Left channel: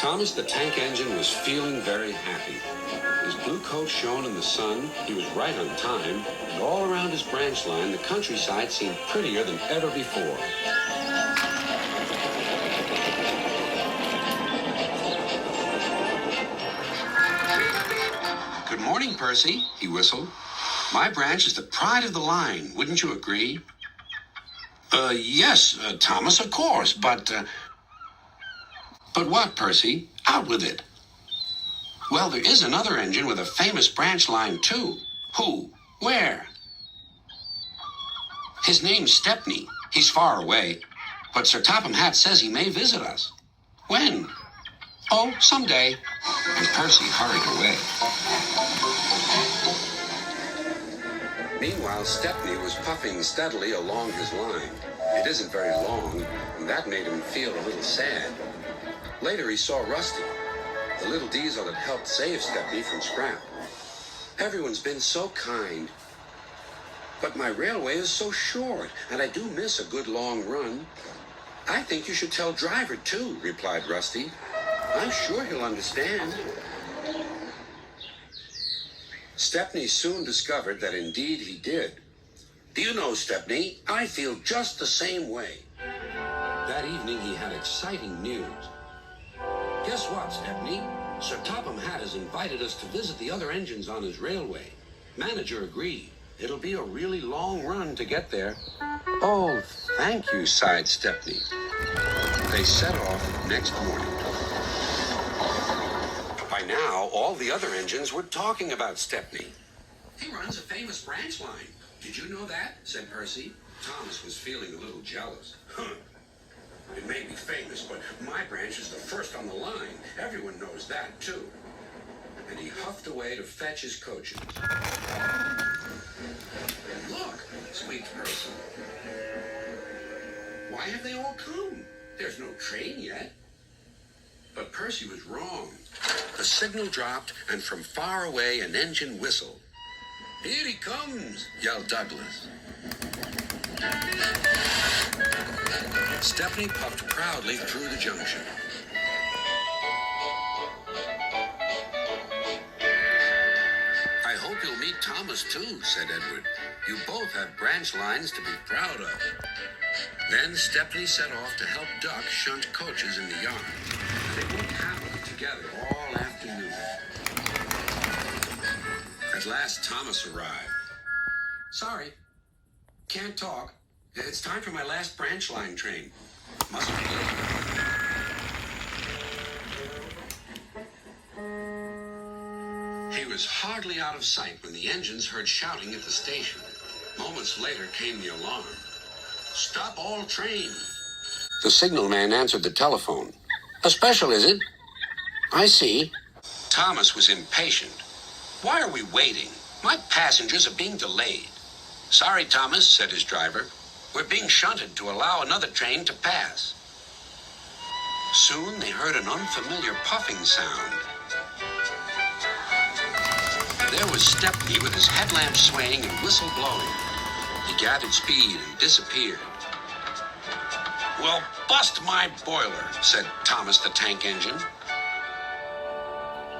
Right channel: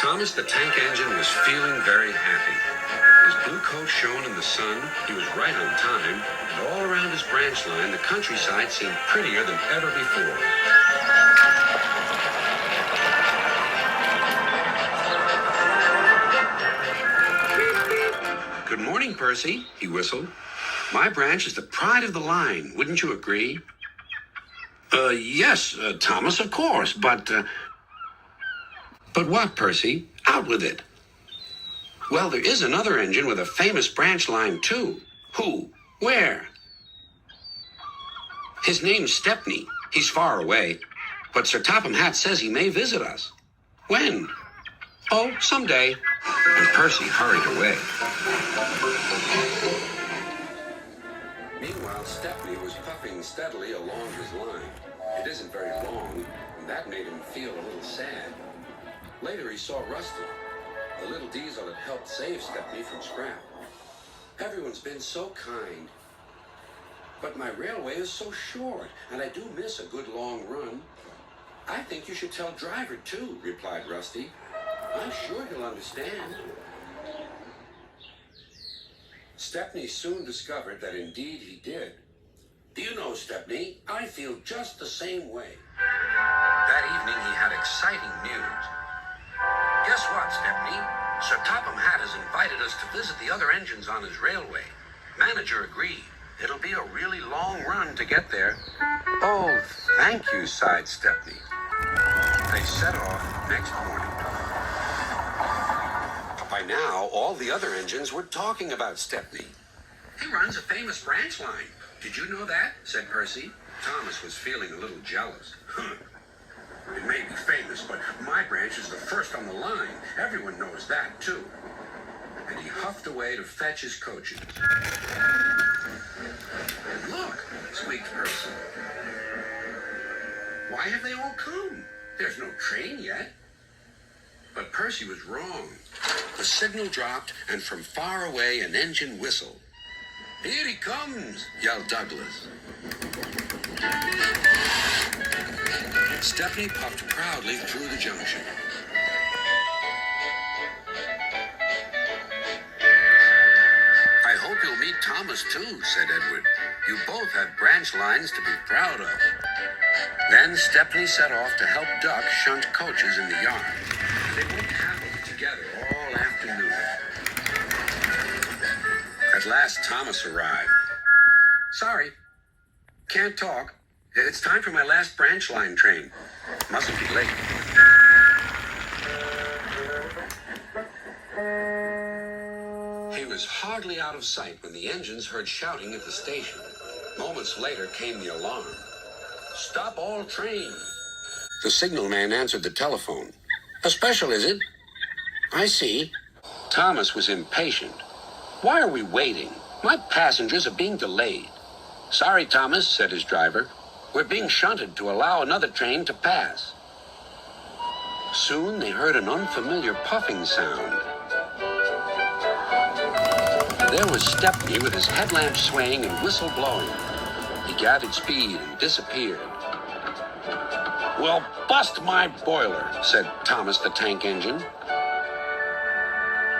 Thomas the Tank Engine was feeling very happy. His blue coat shone in the sun, he was right on time, and all around his branch line, the countryside seemed prettier than ever before. Good morning, Percy, he whistled. My branch is the pride of the line, wouldn't you agree? Yes, Thomas, of course, but what, Percy? Out with it. Well, there is another engine with a famous branch line, too. Who? Where? His name's Stepney. He's far away. But Sir Topham Hatt says he may visit us. When? Oh, someday. And Percy hurried away. Meanwhile, Stepney was puffing steadily along his line. It isn't very long, and that made him feel a little sad. Later, he saw Rusty, the little diesel that helped save Stepney from scrap. Everyone's been so kind. But my railway is so short, and I do miss a good long run. I think you should tell Driver, too, replied Rusty. I'm sure he'll understand. Stepney soon discovered that indeed he did. Do you know, Stepney, I feel just the same way. That evening he had exciting news. Guess what, Stepney? Sir Topham Hatt has invited us to visit the other engines on his railway. Manager agreed. It'll be a really long run to get there. Oh, thank you, sighed Stepney. They set off next morning. By now, all the other engines were talking about Stepney. He runs a famous branch line. Did you know that? Said Percy. Thomas was feeling a little jealous. It may be famous, but my branch is the first on the line. Everyone knows that, too. And he huffed away to fetch his coaches. And look, squeaked Percy. Why have they all come? There's no train yet. But Percy was wrong. The signal dropped, and from far away an engine whistled. Here he comes, yelled Douglas. Stepney puffed proudly through the junction. I hope you'll meet Thomas, too, said Edward. You both have branch lines to be proud of. Then Stepney set off to help Duck shunt coaches in the yard. They worked happily together all afternoon. At last, Thomas arrived. Sorry, can't talk. It's time for my last branch line train. Mustn't be late. He was hardly out of sight when the engines heard shouting at the station. Moments later came the alarm. Stop all trains. The signalman answered the telephone. A special, is it? I see. Thomas was impatient. Why are we waiting? My passengers are being delayed. Sorry, Thomas, said his driver. We're being shunted to allow another train to pass. Soon they heard an unfamiliar puffing sound. There was Stepney with his headlamp swaying and whistle blowing. He gathered speed and disappeared. Well, bust my boiler, said Thomas the Tank Engine.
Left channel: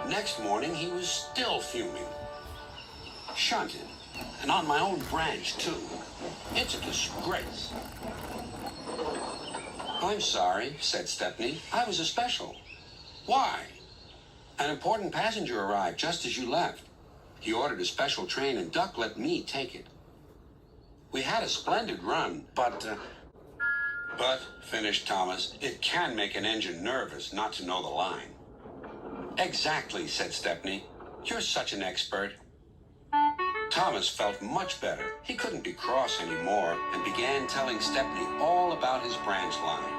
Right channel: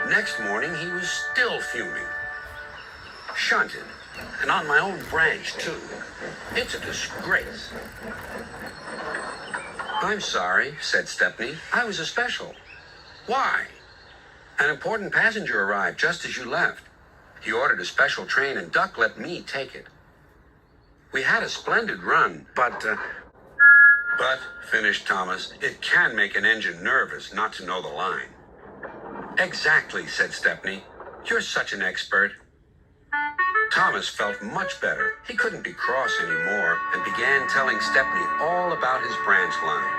Next morning, he was still fuming. Shunted, and on my own branch, too. It's a disgrace. I'm sorry, said Stepney. I was a special. Why? An important passenger arrived just as you left. He ordered a special train, and Duck let me take it. We had a splendid run, but, finished Thomas, it can make an engine nervous not to know the line. Exactly, said Stepney. You're such an expert. Thomas felt much better. He couldn't be cross anymore and began telling Stepney all about his branch line.